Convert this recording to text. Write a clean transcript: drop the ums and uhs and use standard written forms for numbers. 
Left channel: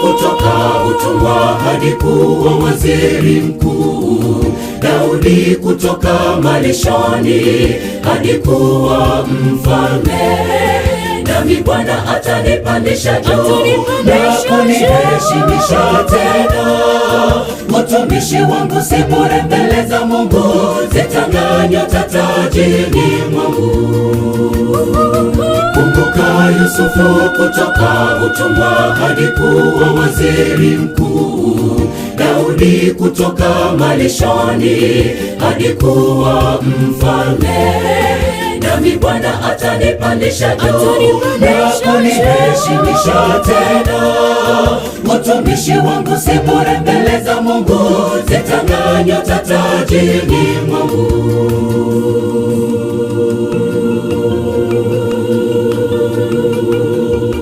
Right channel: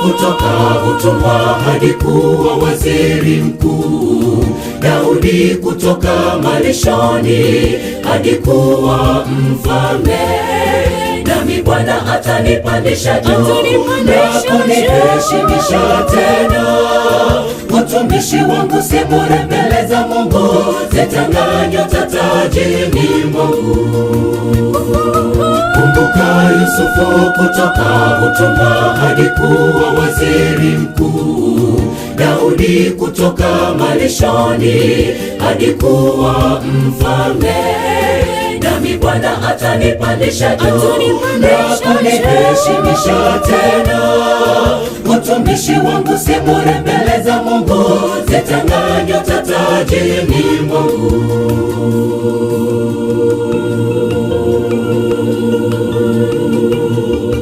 kutoka utumwa hadi kuwa waziri mkuu. Daudi kutoka malishoni hadi kuwa mfalme. Nami Bwana atanipandisha juu na kuniheshimisha tena. Utumishi wangu si bure mbele za Mungu, zitang'aa nyota tajini mwangu. Kumbuka Yusufu kutoka utumwa hadi kuwa waziri mkuu. Daudi kutoka malishoni hadi kuwa mfalme. Nami Bwana atanipandisha juu na kuniheshimisha tena. Utumishi wangu si bure mbele za Mungu, zitang'aa nyota tajini mwangu.